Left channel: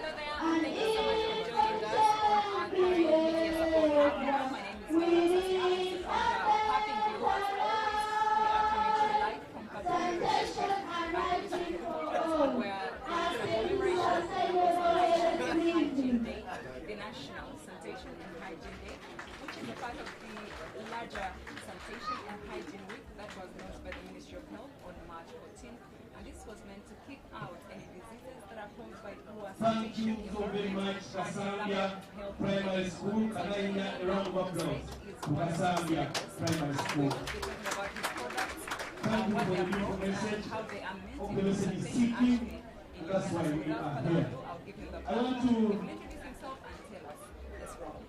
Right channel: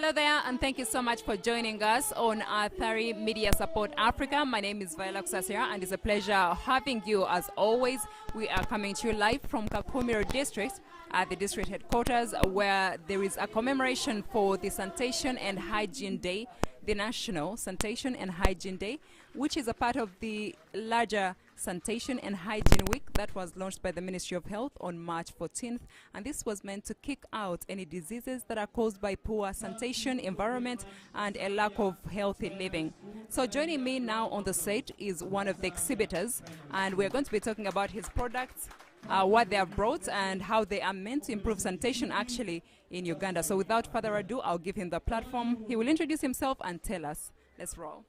Hello there, and thank you so much for joining us on Athari Media Support Africa. My name is Viola Sasira, and it's a pleasure having you as always. We are coming to you live from KAKUMIRO district at the district headquarters, where there is a commemoration for the Sanitation and Hygiene Day, the National Sanitation and Hygiene Day, which is a part of the larger Sanitation and Hygiene Week that was launched by the Ministry of Health on March 14th. And this was meant to kick out any diseases that are caused by poor sanitation, environment, and a lack of healthy living. So joining me now on the set is one of the exhibitors, and we're going to be talking about his products, what they have brought, and how they are meant to improve sanitation actually in Uganda. So without further ado, I'll give him the platform. He will introduce himself and tell us. Let's roll.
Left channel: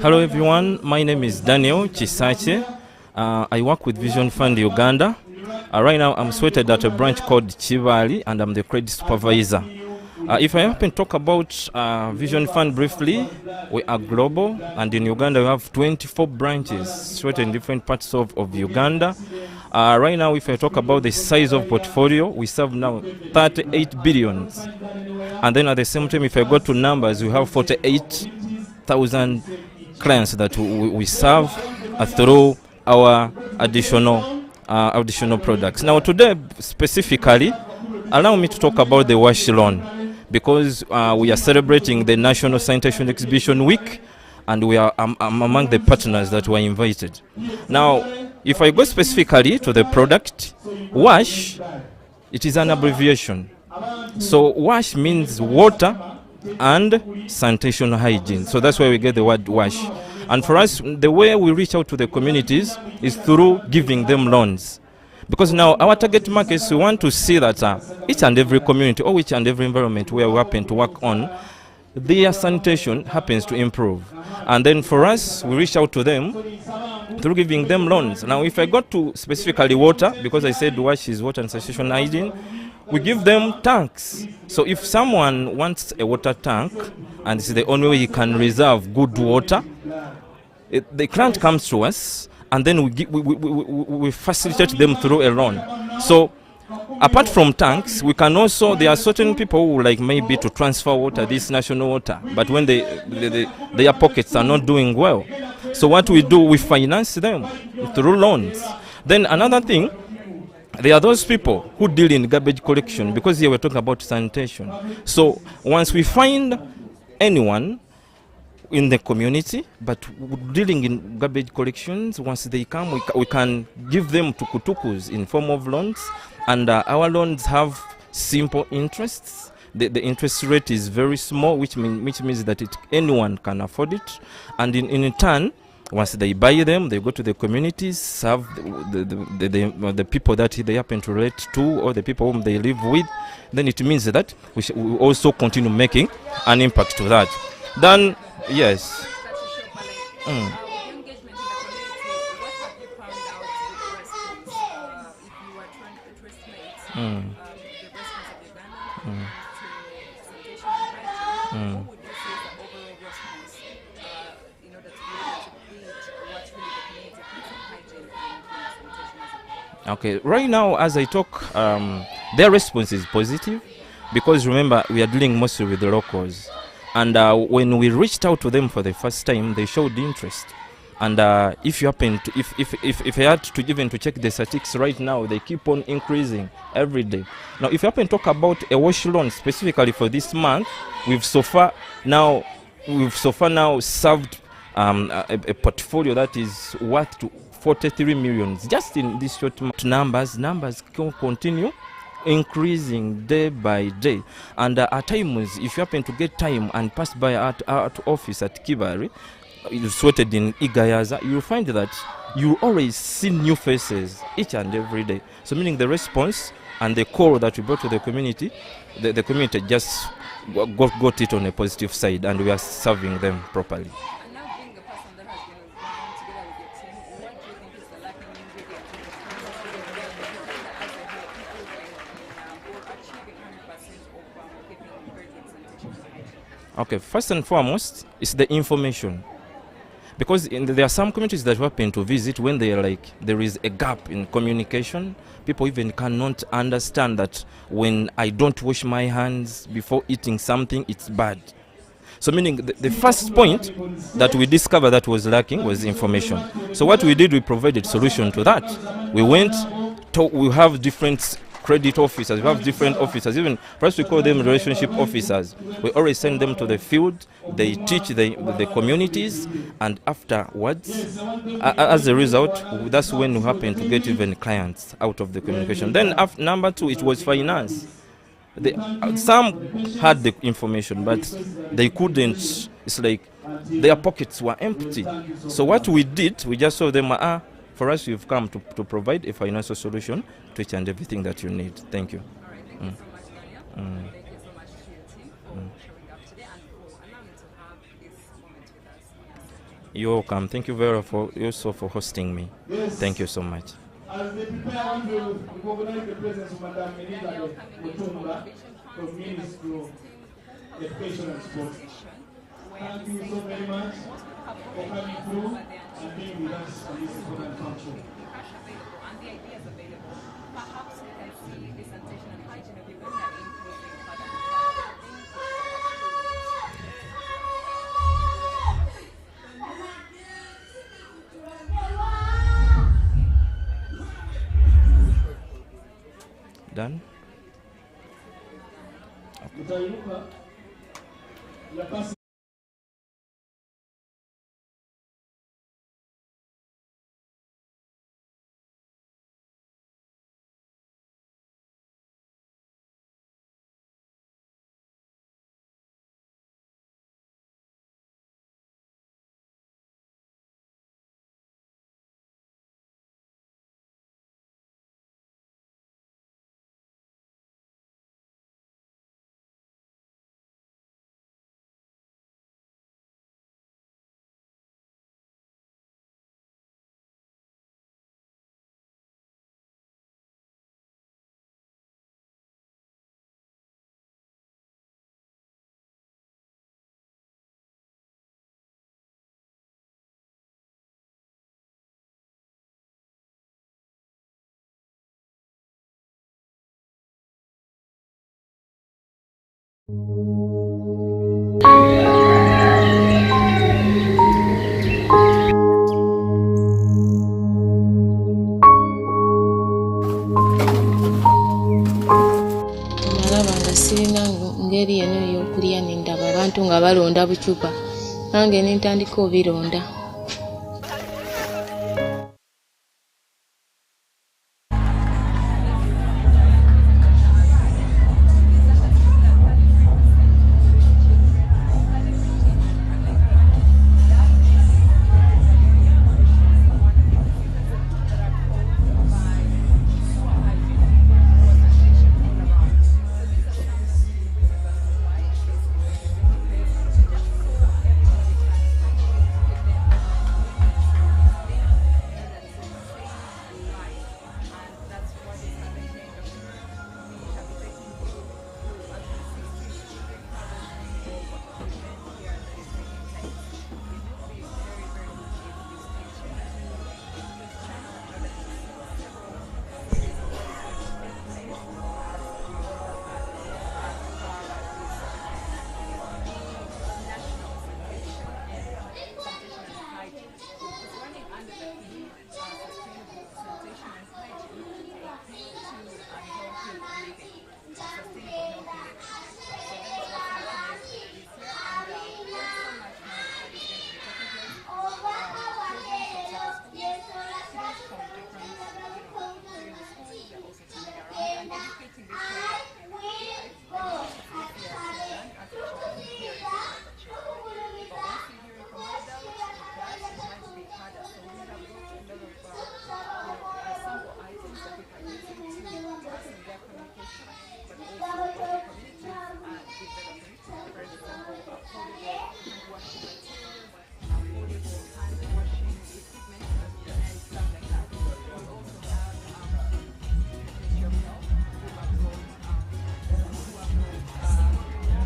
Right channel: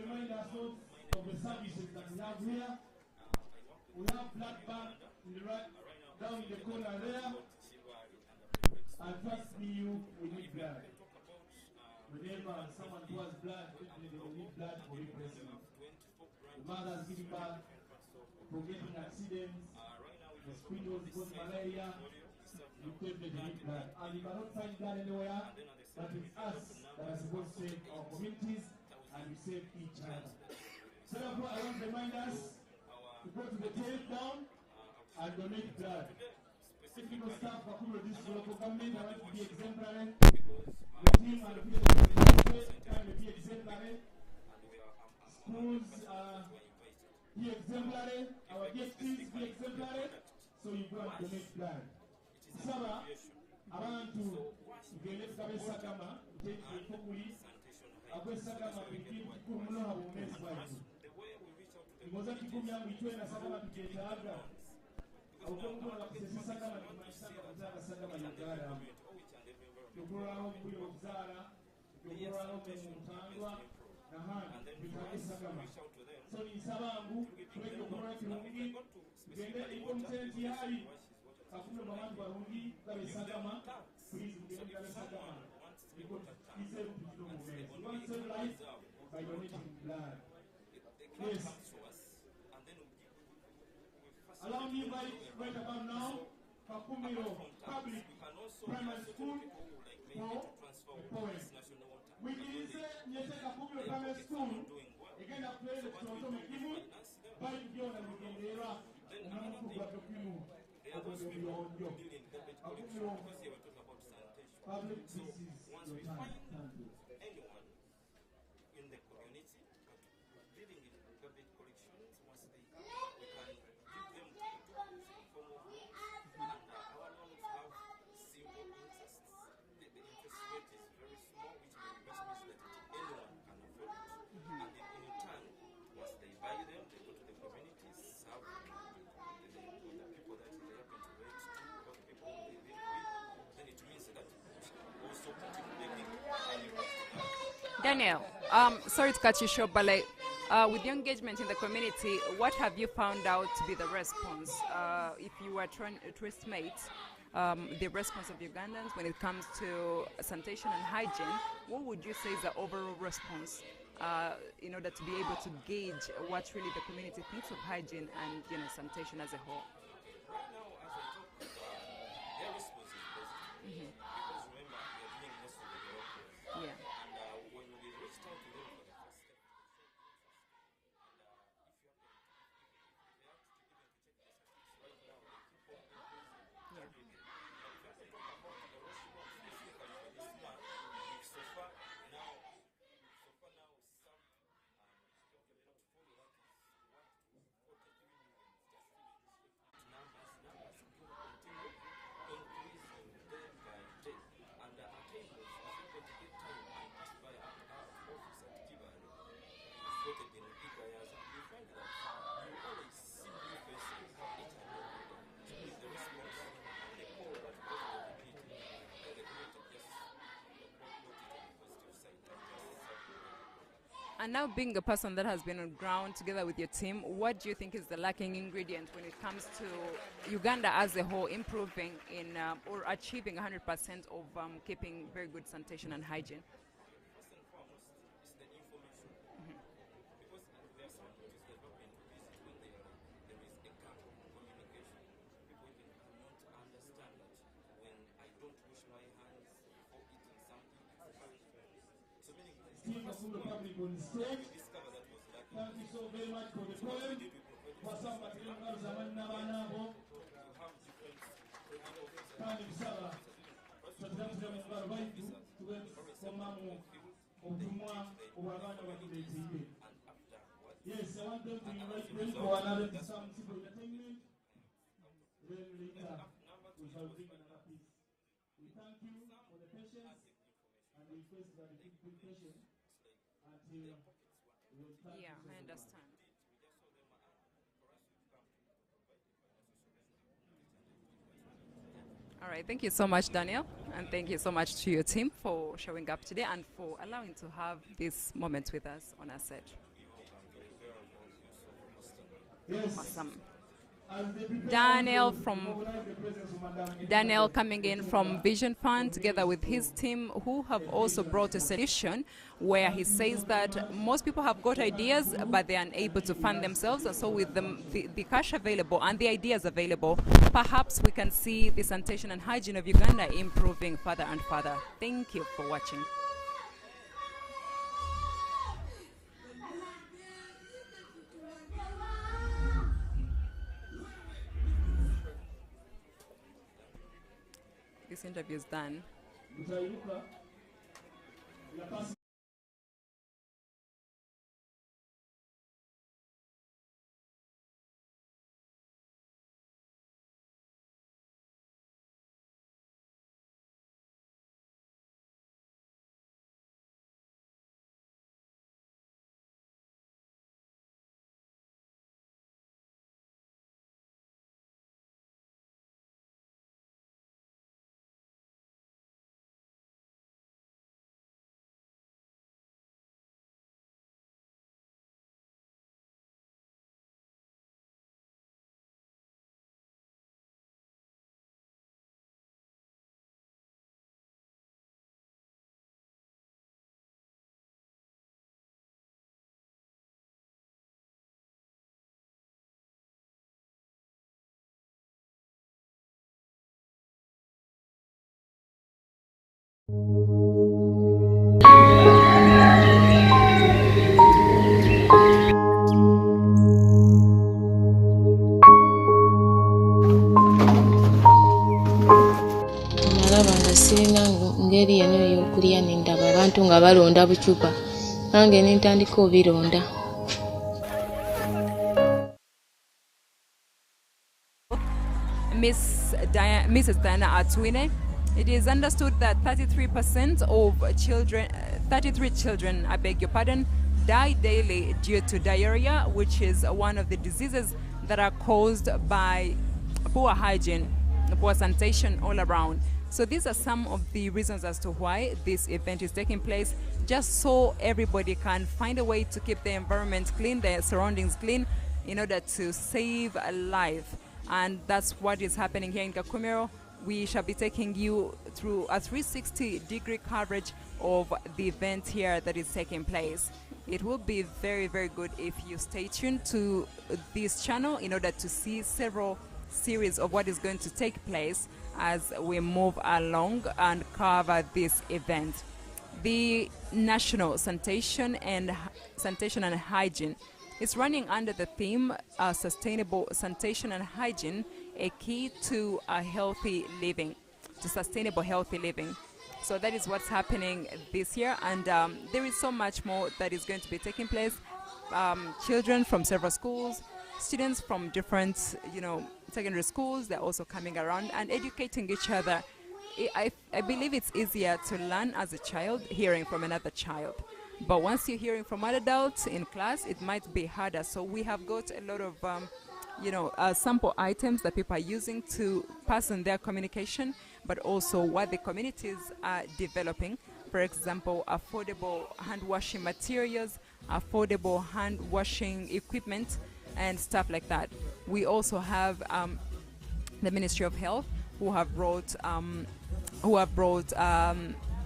Hello everyone, my name is Daniel Chisache. I work with Vision Fund Uganda. Right now I'm situated at a branch called Chivali, and I'm the credit supervisor. If I happen to talk about Vision Fund briefly, we are global, and in Uganda we have 24 branches situated in different parts of Uganda. Right now, if I talk about the size of portfolio, we serve now 38 billions. And then at the same time, if I go to numbers, we have 48,000 clients that we serve through our additional products. Now today specifically, allow me to talk about the wash loan, because we are celebrating the National Sanitation Exhibition Week, and we are among the partners that were invited. Now, if I go specifically to the product, WASH, it is an abbreviation. So WASH means water and sanitation hygiene. So that's why we get the word WASH. And for us, the way we reach out to the communities is through giving them loans. Because now our target markets, we want to see that each and every community or each and every environment where we happen to work on, their sanitation happens to improve. And then for us, we reach out to them through giving them loans. Now if I got to specifically water, because I said WASH is water and sanitation hygiene, we give them tanks. So if someone wants a water tank, and it's the only way he can reserve good water, the client comes to us, and then we facilitate them through a loan. So apart from tanks, we can also, there are certain people who like maybe to transfer water, this national water, but when their pockets are not doing well. So what we do, we finance them through loans. Then another thing, there are those people who deal in garbage collection, because here we're talking about sanitation. So once we find anyone in the community, but dealing in garbage collections, once they come, we can give them tukutukus in form of loans, and our loans have simple interests. The interest rate is very small, which means that anyone can afford it, and in turn, once they buy them, they go to the communities, serve the people that they happen to relate to, or the people whom they live with. Then it means that we also continue making an impact to that. Then, yes. Sorry to cut you short, but like, with the engagement in the community, what have you found out to be the response? If you were to estimate the response of Ugandans when it comes to sanitation and hygiene, what would you say is the overall response in order to be able to gauge what really the community thinks of hygiene and sanitation as a whole? Okay, right now as I talk, their response is positive, because remember, we are dealing mostly with the locals. And when we reached out to them for the first time, they showed interest. And if you happen to, if I had to even to check the statistics right now, they keep on increasing every day. Now, if you happen to talk about a wash loan specifically for this month, we've so far now served a portfolio that is worth to 43 million just in this short month. Numbers continue increasing day by day, and at times, if you happen to get time and pass by our office at Kibari, situated in Igayaza, you'll find that you always see new faces each and every day. So meaning the response and the call that we brought to the community, the community just got it on a positive side, and we are serving them properly. And now, being a person that has been on ground together with your team, what do you think is the lacking ingredient in Uganda as a whole improving or achieving 100% of keeping very good sanitation and hygiene? Okay, first and foremost, it's the information. Because there are some communities that we happen to visit when they are like, there is a gap in communication. People even cannot understand that when I don't wash my hands before eating something, it's bad. So meaning the first point that we discovered that was lacking was information. So what we did, we provided solution to that. We went to, we have different credit officers, we have different officers, even first we call them relationship officers. We always send them to the field, they teach the communities, and afterwards, as a result, that's when we happen to get even clients out of the communication. Then number two, it was finance. Some had the information, but they couldn't. It's like their pockets were empty. So what we did, we just saw them, for us, you've come to provide a financial solution to each and everything that you need. Thank you. All right, thank you so much, Daniel. And thank you so much to your team for showing up today and for allowing to have this moment with us on our set. You're welcome. Thank you very much also for hosting me. Thank you so much. Daniel coming in from Vision Fund together with his team, who have also brought a solution where he says that most people have got ideas but they are unable to fund themselves, and so with the cash available and the ideas available, perhaps we can see the sanitation and hygiene of Uganda improving further and further. Thank you for watching. Done? This interview is done. Nalaba nga sirina ngeri eno ey'okulya nendaba abantu nga balonda bucupa nange nentandika obironda. Mrs. Diana Atwine, it is understood that 33% of children, 33 children, I beg your pardon, die daily due to diarrhea, which is one of the diseases that are caused by poor hygiene, poor sanitation all around. So these are some of the reasons as to why this event is taking place, just so everybody can find a way to keep the environment clean, their surroundings clean, in order to save a life. And that's what is happening here in KAKUMIRO. We shall be taking you through a 360-degree coverage of the event here that is taking place. It will be very, very good if you stay tuned to this channel in order to see several series of what is going to take place as we move along and cover this event. The National Sanitation and Hygiene is running under the theme Sustainable Sanitation and Hygiene, a key to a healthy living, to sustainable healthy living. So that is what's happening this year, and there is so much more that is going to be taking place. Children from several schools, students from different, secondary schools, they're also coming around and educating each other. I believe it's easier to learn as a child hearing from another child. But once you're hearing from adults in class, it might be harder. So we have got a lot of, sample items that people are using to pass on their communication, but also what the communities are developing. For example, affordable hand washing materials, affordable hand washing equipment, and stuff like that. We also have the Ministry of Health, who have brought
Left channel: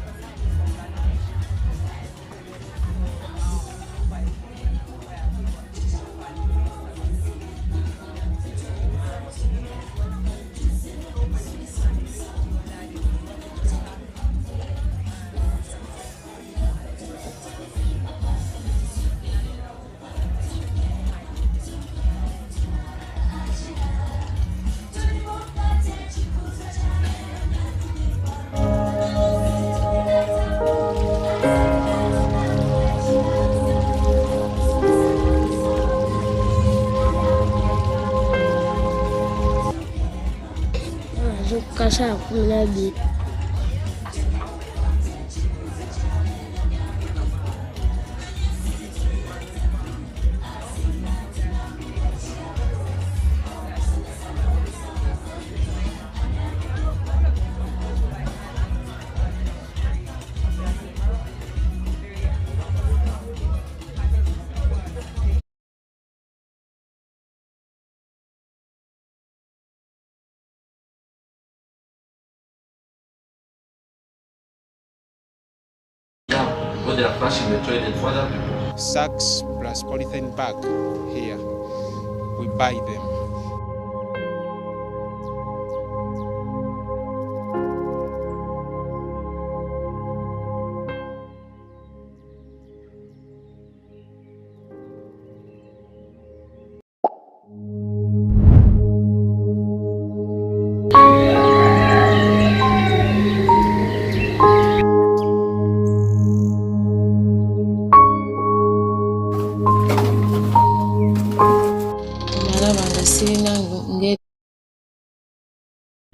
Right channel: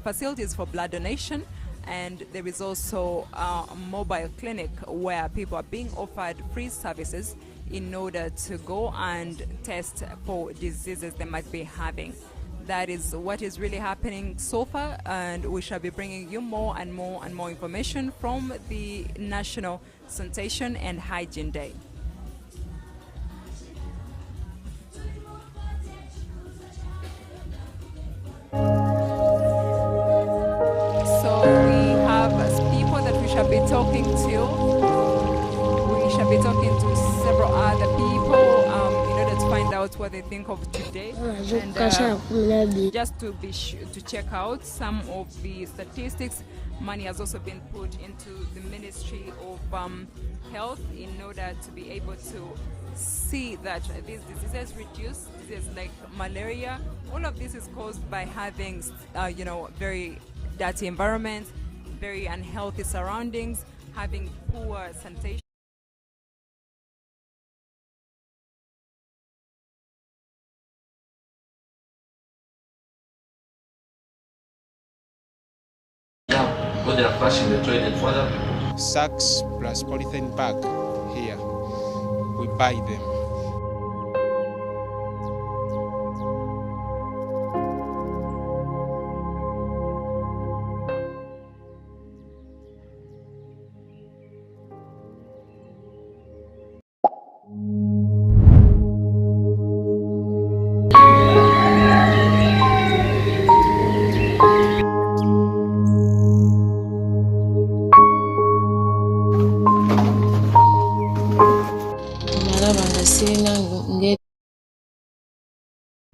facilities for blood donation, and there is also a mobile clinic where people are being offered free services in order to go and test for diseases they might be having. That is what is really happening so far, and we shall be bringing you more and more and more information from the National Sanitation and Hygiene Day. Just to check out some of the statistics, money has also been put into the Ministry of Health in order to be able to see that this is reduced, like malaria. All of this is caused by having, very dirty environment, very unhealthy surroundings, having poor sanitation. When they are flushing the toilet for other people. Sacks plus polythene bag here. We buy them.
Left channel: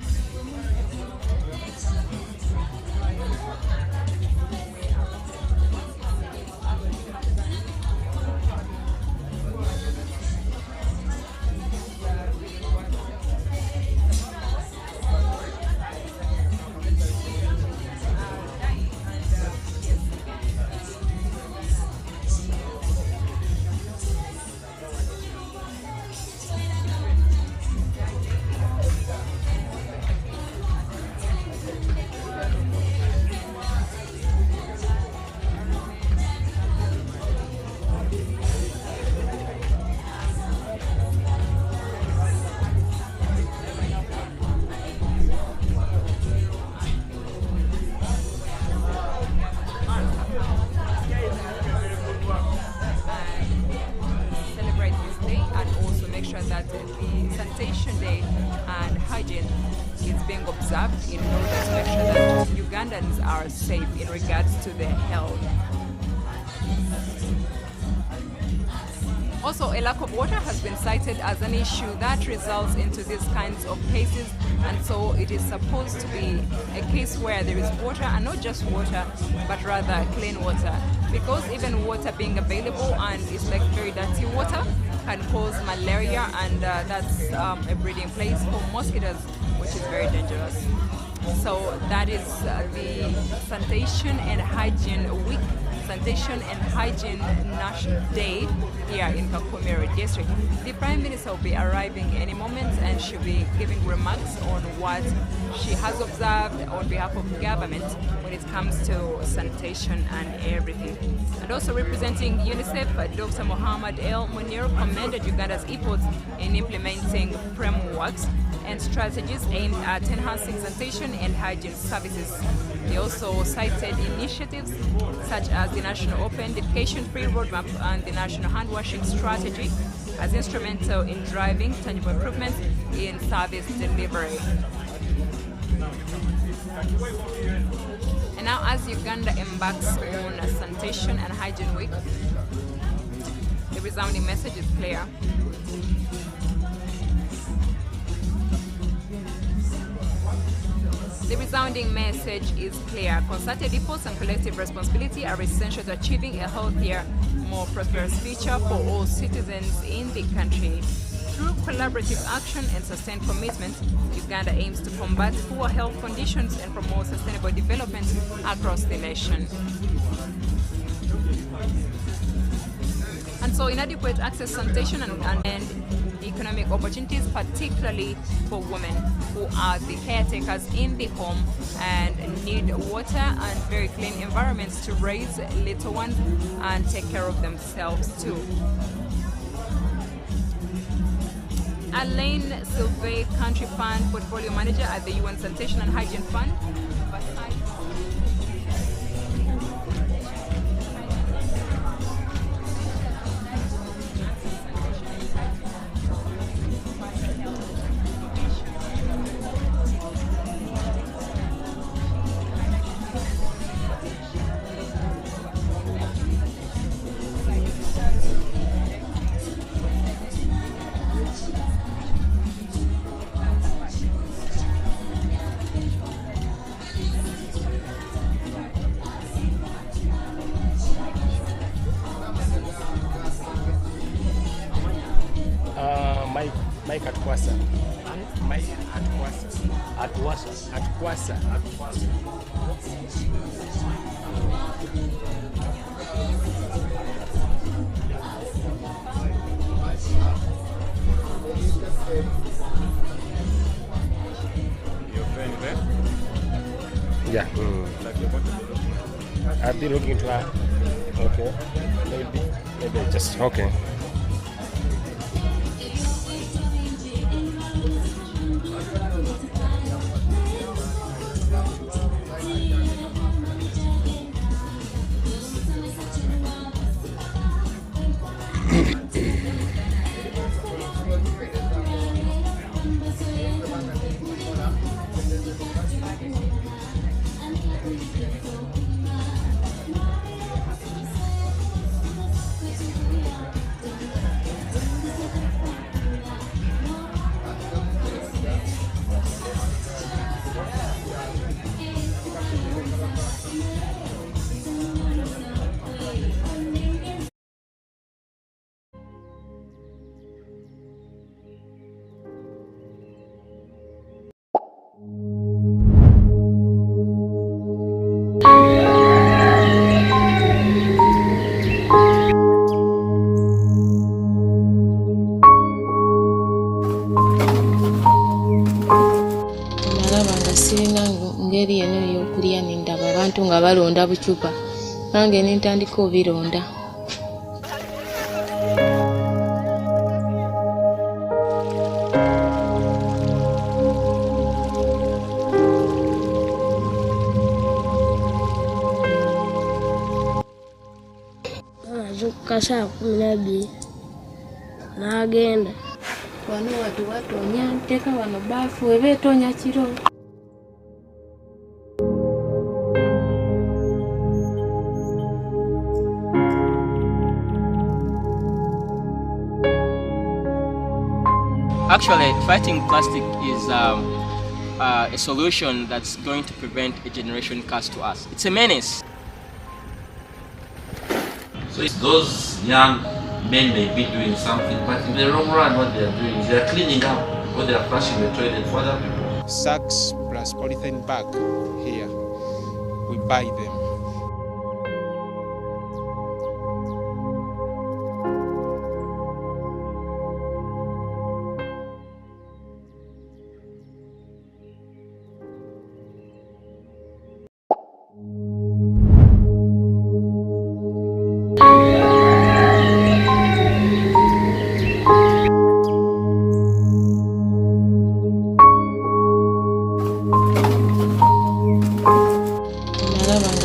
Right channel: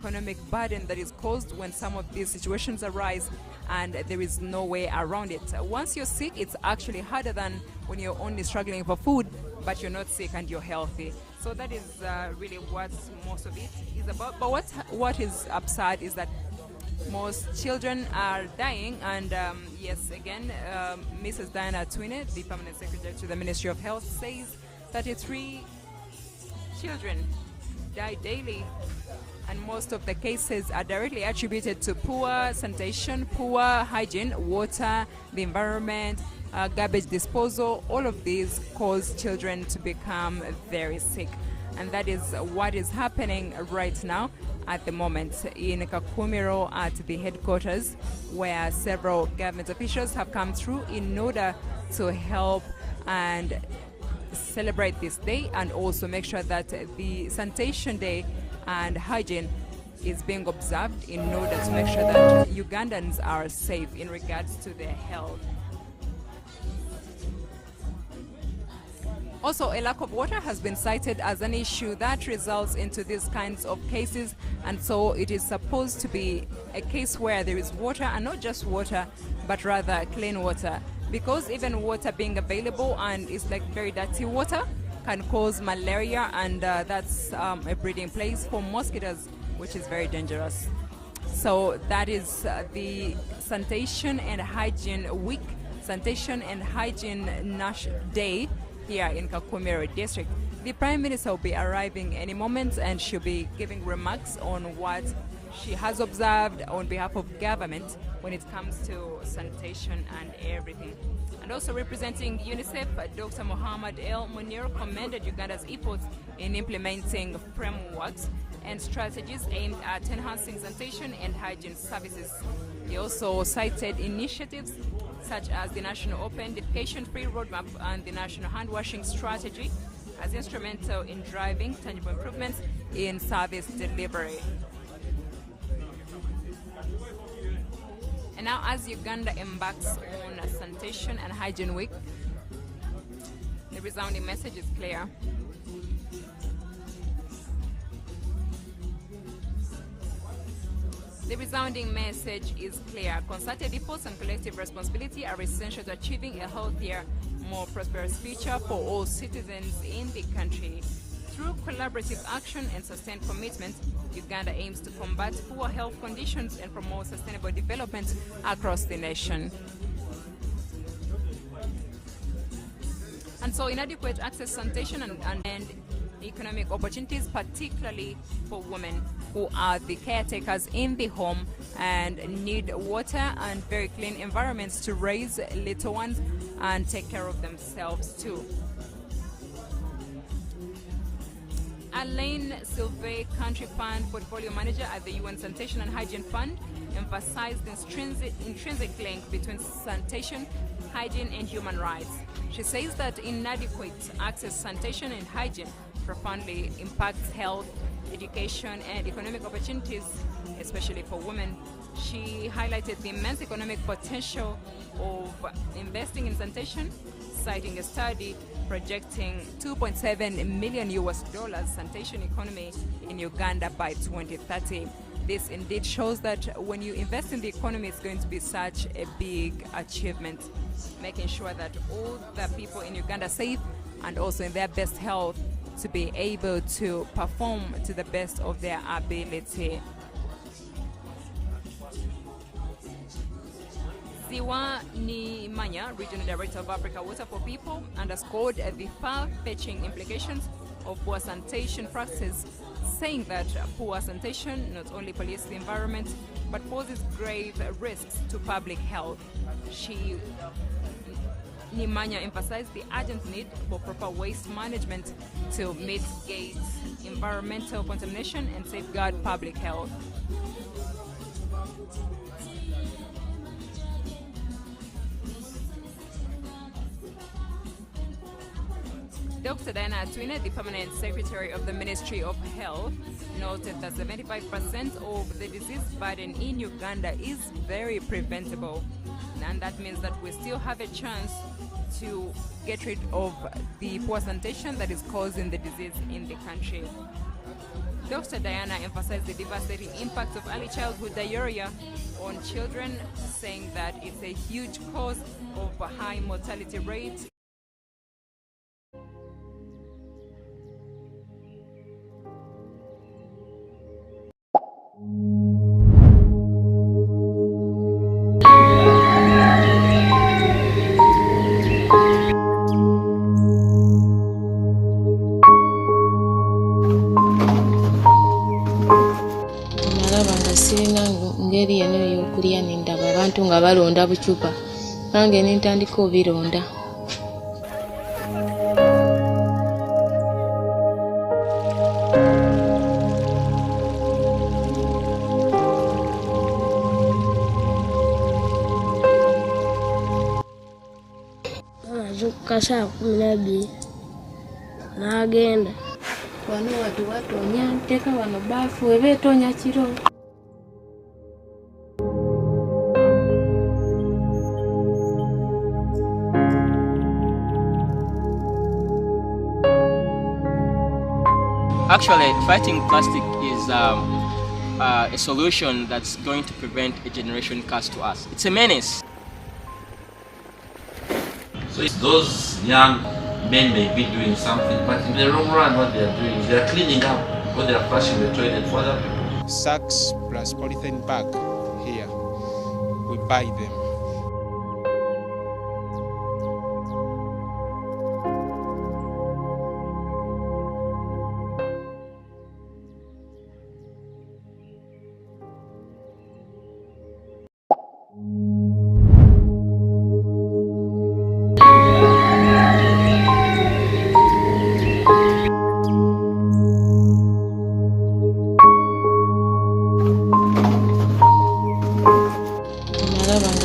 Economic burden that is caused when some of these situations arise and there is no way around it. Once you're sick, it's actually harder than when you're only struggling for food, but you're not sick and you're healthy. So that is really what most of it is about. But what is absurd is that most children are dying, and yes, again, Mrs. Diana Twine, the Cabinet Secretary to the Ministry of Health, says 33 children die daily, and most of the cases are directly attributed to poor sanitation, poor hygiene, water, the environment, garbage disposal. All of these cause children to become very sick, and that is what is happening right now at the moment in KAKUMIRO at the headquarters, where several government officials have come through in order to help and celebrate this day and also make sure that the sanitation day and hygiene is being observed in order to make sure that Ugandans are safe in regards to their health. Also, a lack of water has been cited as an issue that results into these kinds of cases, and so it is supposed to be a case where there is water, and not just water, but rather clean water, because even water being available and it's like very dirty water can cause malaria, and that's a breeding place for mosquitoes, which is very dangerous. So that is the Sanitation and Hygiene Week, Sanitation and Hygiene National Day here in KAKUMIRO district. The Prime Minister will be arriving any moment, and she'll be giving remarks on what she has observed on behalf of government when it comes to sanitation and everything. And also representing UNICEF, Dr. Muhammad El Munir commended Uganda's efforts in implementing frameworks and strategies aimed at enhancing sanitation and hygiene services. He also cited initiatives such as the National Open Defecation Free Roadmap and the National Hand Washing Strategy as instrumental in driving tangible improvements in service delivery. And now, as Uganda embarks on Sanitation and Hygiene Week, the resounding message is clear. The resounding message is clear. Concerted efforts and collective responsibility are essential to achieving a healthier, more prosperous future for all citizens in the country. Through collaborative action and sustained commitment, Uganda aims to combat poor health conditions and promote sustainable development across the nation. And so inadequate access to sanitation and economic opportunities, particularly for women who are the caretakers in the home and need water and very clean environments to raise little ones and take care of themselves too. Alain Sylvain, Country Fund Portfolio Manager at the UN Sanitation and Hygiene Fund, emphasized the intrinsic link between sanitation, hygiene and human rights. She says that inadequate access to sanitation and hygiene profoundly impacts health, education and economic opportunities, especially for women. She highlighted the immense economic potential of investing in sanitation, citing a study projecting $2.7 million sanitation economy in Uganda by 2030. This indeed shows that when you invest in the economy, it's going to be such a big achievement, making sure that all the people in Uganda are safe and also in their best health to be able to perform to the best of their ability. Siwa Nimanya, Regional Director of Africa Water for People, underscored the far-fetching implications of poor sanitation practice, saying that poor sanitation not only pollutes the environment but poses great risks to public health. I've been looking into that. Okay. Nimanya emphasized the urgency of proper waste management to mitigate environmental contamination and safeguard public health. Dr. Diana Atwine, the Permanent Secretary of the Ministry of Health, noted that 75% of the disease burden in Uganda is very preventable, and that means that we still have a chance to get rid of the poor sanitation that is causing the disease in the country. Dr. Diana emphasized the devastating impact of early childhood diarrhea on children, saying that it's a huge cause of high mortality rates. Sirina ngeri eno ey'okulya nindaba abantu nga balonda bucupa nange nintandika obironda. Azuka saa 12 n'agenda Wano watu watonya nteeka wano baafu eba etonya kiro. Actually, fighting plastic is a solution that's going to prevent a generation curse to us. It's a menace. So it's those young men may be doing something, but in the long run what they are doing, they are cleaning up or they are flushing the toilet for other people. Sacks plus polythene bag here. We buy them.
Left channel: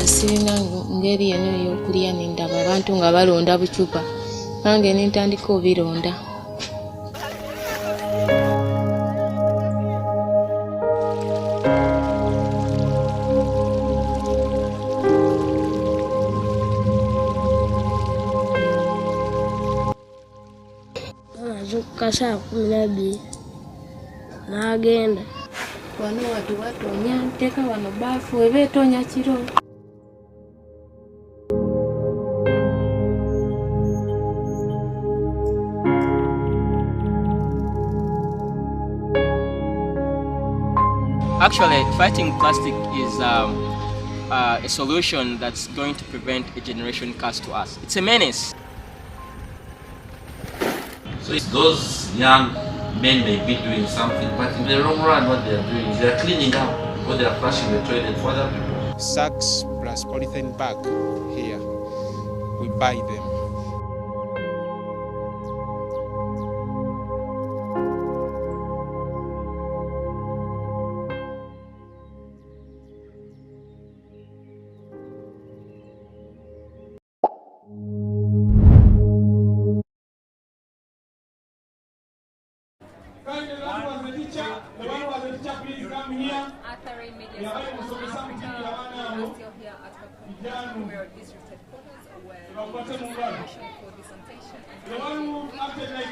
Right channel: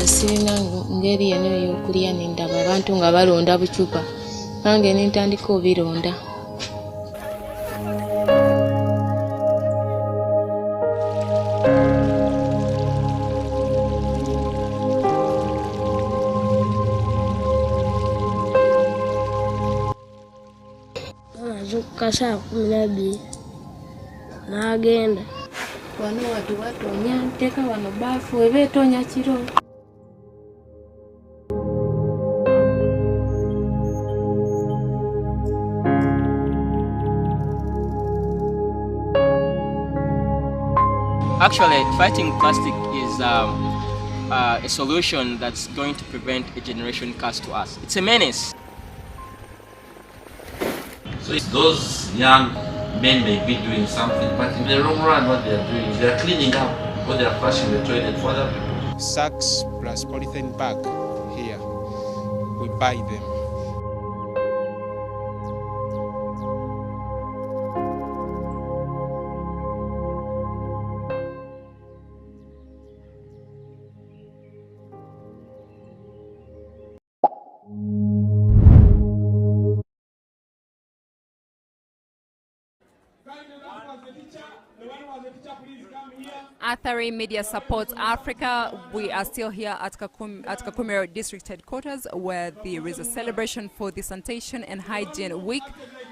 Sirina ngeri eno ey'okulya nindaba abantu nga balonda bucupa nange nintandika obironda. azuka saa 12 n'agenda Wano watu watonya nteeka wano baafu eba etonya kiro. Actually, fighting plastic is a solution that's going to prevent a generation curse to us. It's a menace. So it's those young men may be doing something, but in the long run, what they are doing is they are cleaning up or they are flushing the toilet for other people. Sacks plus polythene bag here. We buy them. Athari Media Supports Africa. We are still here at KAKUMIRO District Headquarters, where there is a celebration for the Sanitation and Hygiene Week,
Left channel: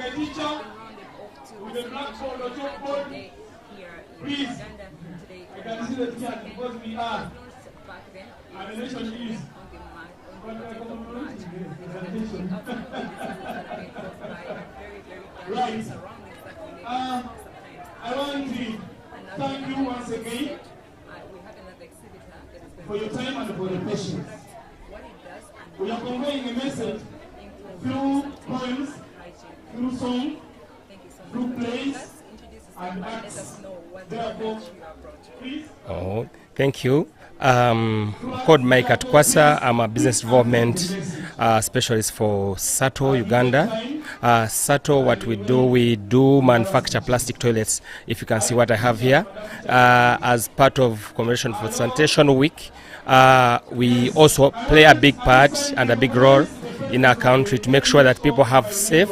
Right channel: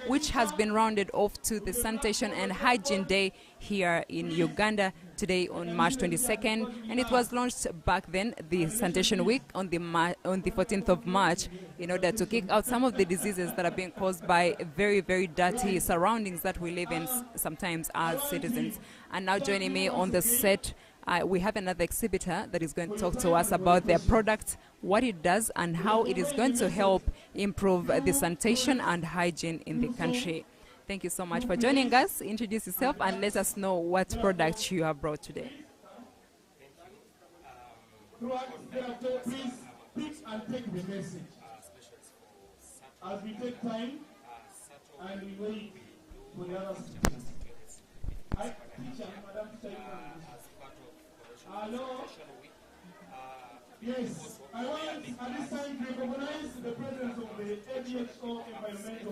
which has been rounded off to the Sanitation and Hygiene Day here in Uganda today on March 22nd, and it was launched back then, the Sanitation Week, on the 14th of March, in order to kick out some of the diseases that are being caused by very, very dirty surroundings that we live in sometimes as citizens. And now joining me on the set, we have another exhibitor that is going to talk to us about their product, what it does, and how it is going to help improve the sanitation and hygiene in the country. Thank you so much for joining us. Introduce yourself and let us know what products you have brought today. Oh, thank you. I'm called Mike Atkwasa. I'm a business development specialist for SATO, Uganda. SATO, what we do manufacture plastic toilets. If you can see what I have here. As part of Commemoration for Sanitation Week, we also play a big part and a big role in our country to make sure that people have safe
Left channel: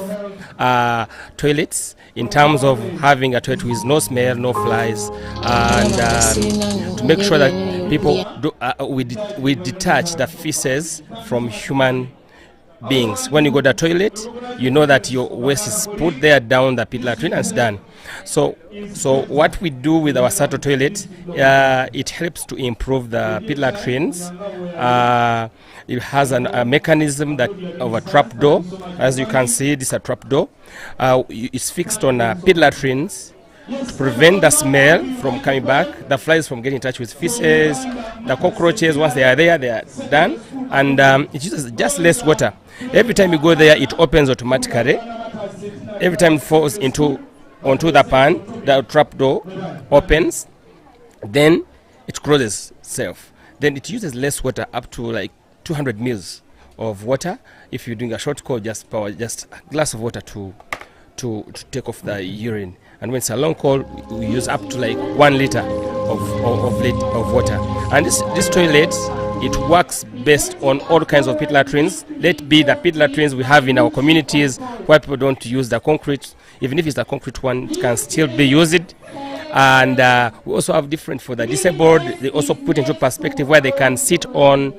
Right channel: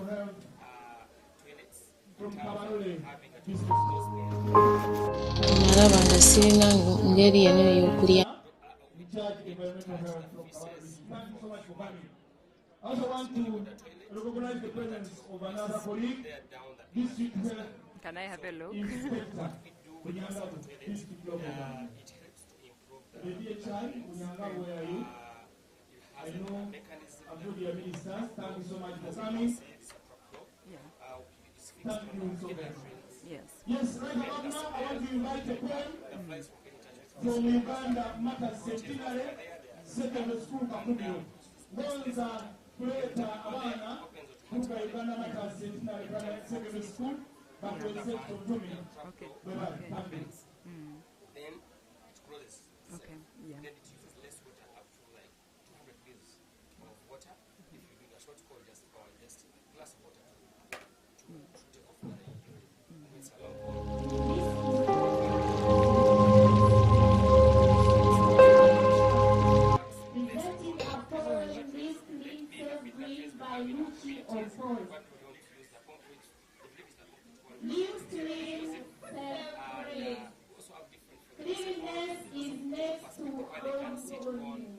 toilets, in terms of having a toilet with no smell, no flies, and to make sure that people we detach the feces from human beings. When you go to the toilet, you know that your waste is put there down the pit latrine and it's done. So what we do with our SATO toilet, it helps to improve the pit latrines. It has a mechanism that of a trap door. As you can see, this is a trap door. It's fixed on pit latrines to prevent the smell from coming back, the flies from getting in touch with feces, the cockroaches. Once they are there, they are done. And it uses just less water. Every time you go there, it opens automatically. Every time it falls onto the pan, the trap door opens, then it closes itself. Then it uses less water, up to like 200 mils of water. If you're doing a short call, just a glass of water to take off the urine. And when it's a long call, we use up to like 1 liter of water. And this toilet, it works based on all kinds of pit latrines. Let be the pit latrines we have in our communities where people don't use the concrete. Even if it's a concrete one, it can still be used. And we also have different for the disabled. They also put into perspective where they can sit on.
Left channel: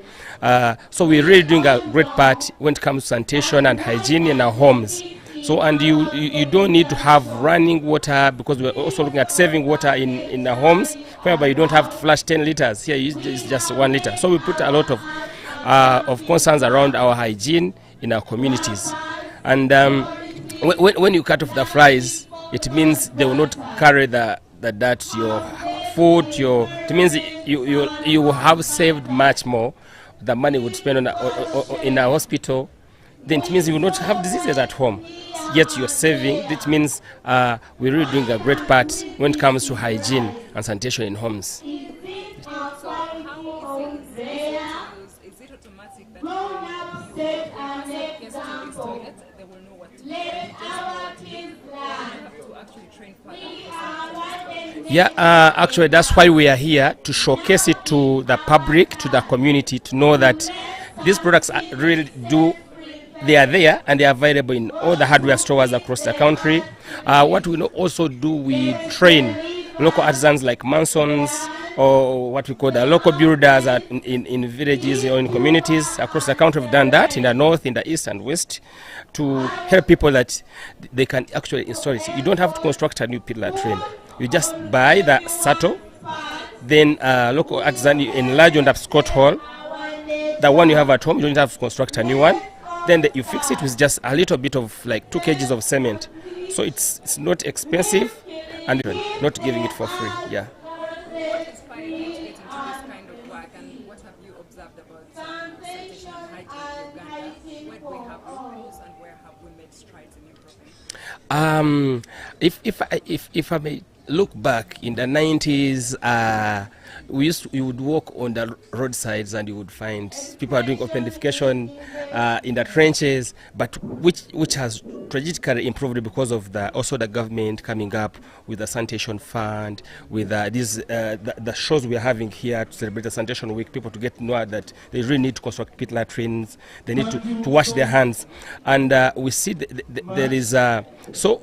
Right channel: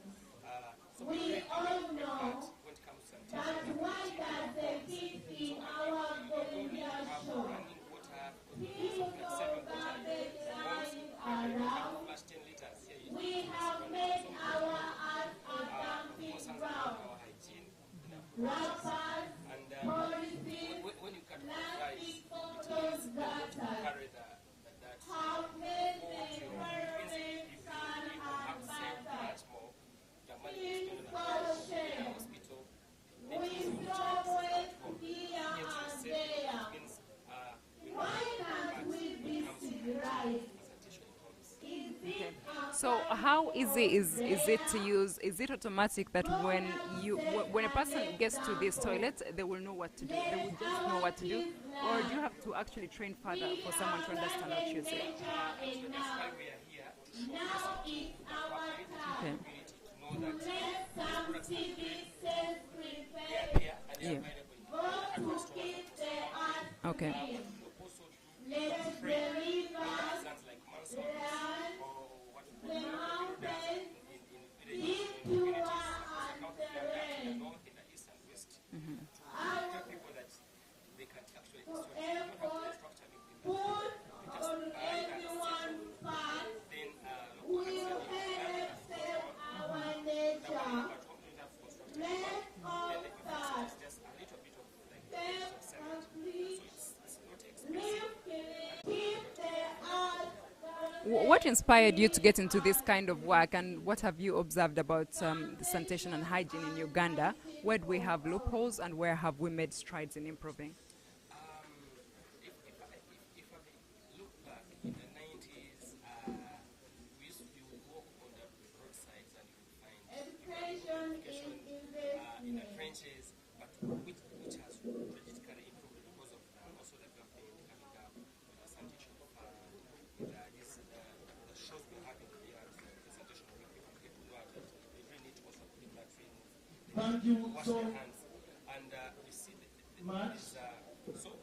So we're really doing a great part when it comes to sanitation and hygiene in our homes. So, and you don't need to have running water, because we're also looking at saving water in our homes, whereby you don't have to flush 10 liters. Here it's just 1 liter. So we put a lot of concerns around our hygiene in our communities. And when you cut off the flies, it means they will not carry the dirt, your food, it means you have saved much more. The money would spend in a hospital, then it means you will not have diseases at home. Yet you're saving. It means we're really doing a great part when it comes to hygiene and sanitation in homes. So how easy is it to use? Is it automatic that when a person gets to this toilet, they will know what to do? They will just know what to do? Or do you have to actually train further for someone to understand? Yeah, actually that's why we are here, to showcase it to the public, to the community, to know that these products really they are there and they are available in all the hardware stores across the country. What we also do, we train local artisans like masons, or what we call the local builders in villages or in communities across the country. We've done that in the north, in the east and west, to help people that they can actually install it. You don't have to construct a new pit latrine. You just buy the SATO, then local artisan, you enlarge on the Scott Hall. The one you have at home, you don't have to construct a new one. Then you fix it with just a little bit of like 2 kgs of cement. So it's not expensive, and not giving it for free. Yeah. What what inspired you to get into this kind of work, and what have you observed about sanitation and hygiene in Uganda? Where do we have loopholes, and where have we made strides in improving? If I may look back in the 90s, you would walk on the roadsides and you would find people are doing open defecation in the trenches, but which has tragically improved because of also the government coming up with the sanitation fund, with the shows we are having here to celebrate the sanitation week, people to get to know that they really need to construct pit latrines, they need to wash their hands, and we see there is so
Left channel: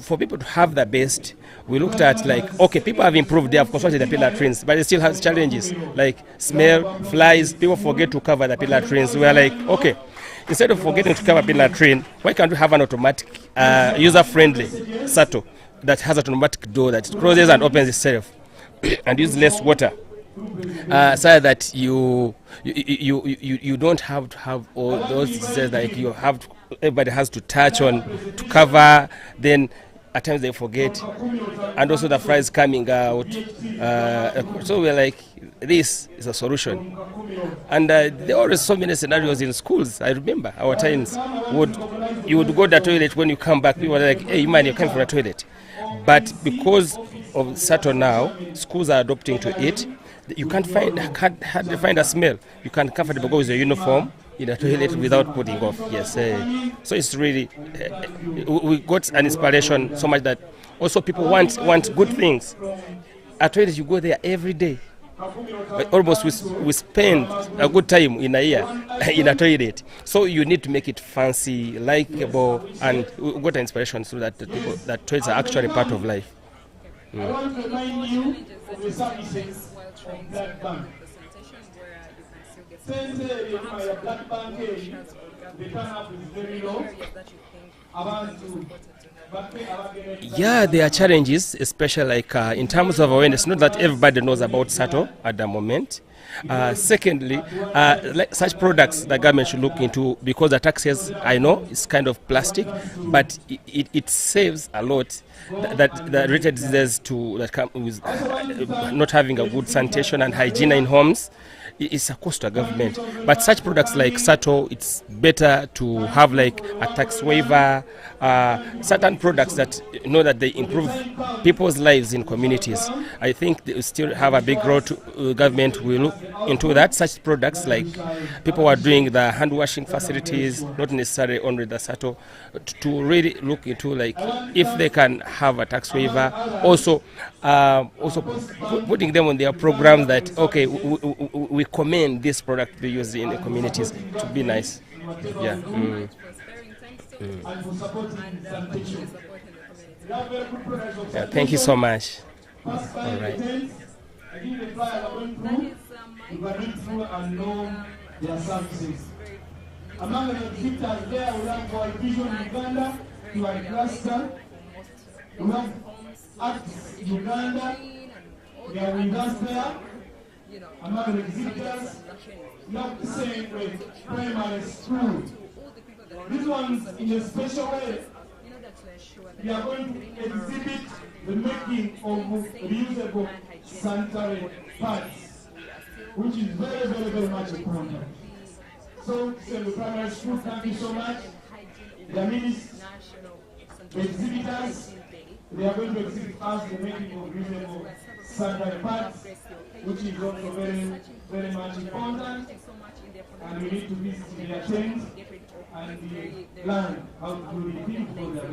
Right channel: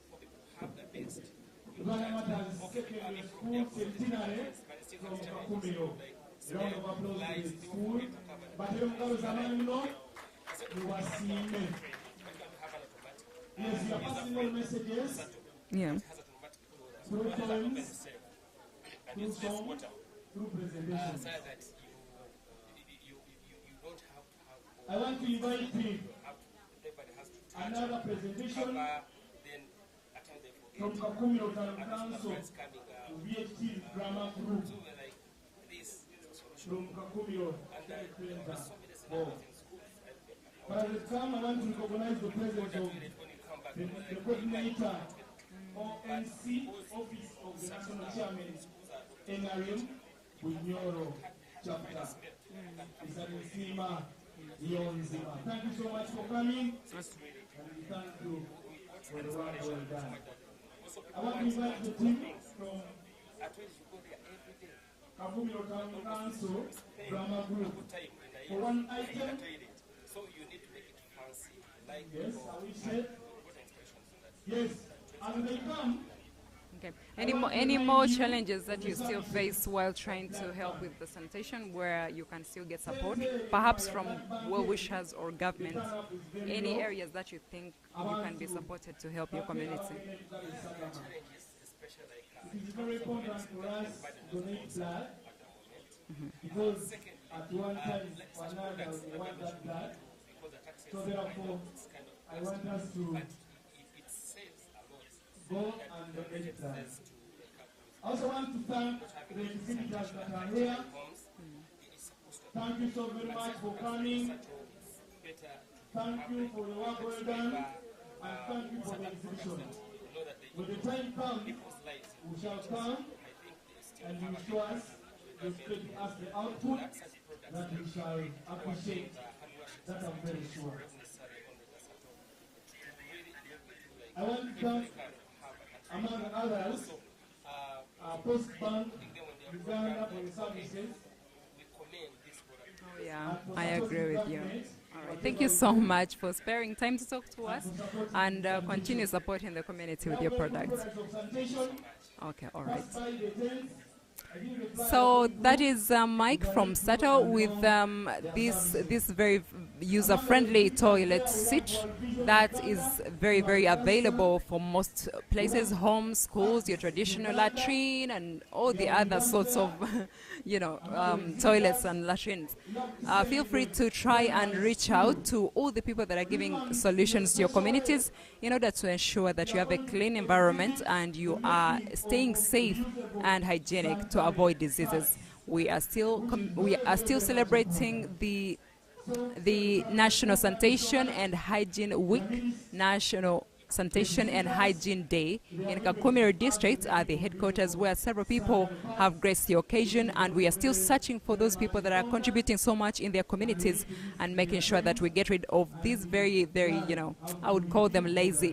for people to have the best. We looked at okay, people have improved, they have constructed the pit latrines, but they still have challenges like smell, flies, people forget to cover the pit latrines. We are okay, instead of forgetting to cover pit latrine, why can't we have an automatic, user-friendly SATO that has an automatic door that closes and opens itself and use less water, so that you don't have to have all those diseases everybody has to touch on to cover, then at times they forget, and also the flies coming out. So we're this is a solution. And there are always so many scenarios in schools. I remember our times, you would go to the toilet, when you come back, people were hey, man, you're coming from the toilet. But because of SATO now, schools are adopting to it. You can't hardly find a smell. You can comfortably go with your uniform in the toilet without putting off. Yes, so it's really we got an inspiration so much that also people want good things. At toilet, you go there every day. But almost we spend a good time in a year in a toilet. So you need to make it fancy, likable, and we got an inspiration so that that toilets are actually part of life. Okay. Any more challenges that you still face while trying to help with the sanitation, where you can still get support, perhaps from well-wishers or government? Any areas that you think can be supported to help the community? Yeah, there are challenges, especially in terms of awareness. Not that everybody knows about SATO at the moment. Secondly, such products the government should look into, because the taxes, I know, is kind of plastic, but it saves a lot. That the related diseases that come with not having a good sanitation and hygiene in homes is a cost to government. But such products like SATO, it's better to have a tax waiver, certain products that that they improve people's lives in communities. I think they still have a big role to government will look into that. Such products like people who are doing the hand washing facilities, not necessarily only the SATO, to really look into if they can have a tax waiver. Also putting them on their programs that okay, we commend this product to be used in the communities to be nice. Thank you so much for sparing time to talk to us, and continue supporting the community with your products. Yeah, thank you so much. Okay, all right. So that is Mike from SATO with this very user-friendly toilet seat that is very, very available for most places, homes, schools, your traditional latrine, and all the other sorts of toilets and latrines. Feel free to try and reach out to all the people that are giving solutions to your communities in order to ensure that you have a clean environment and you are staying safe and hygienic to avoid diseases. We are still celebrating the National Sanitation and Hygiene Week, National Sanitation and Hygiene Day in KAKUMIRO district at the headquarters, where several people have graced the occasion, and we are still searching for those people that are contributing so much in their communities and making sure that we get rid of these very, very, I would call them lazy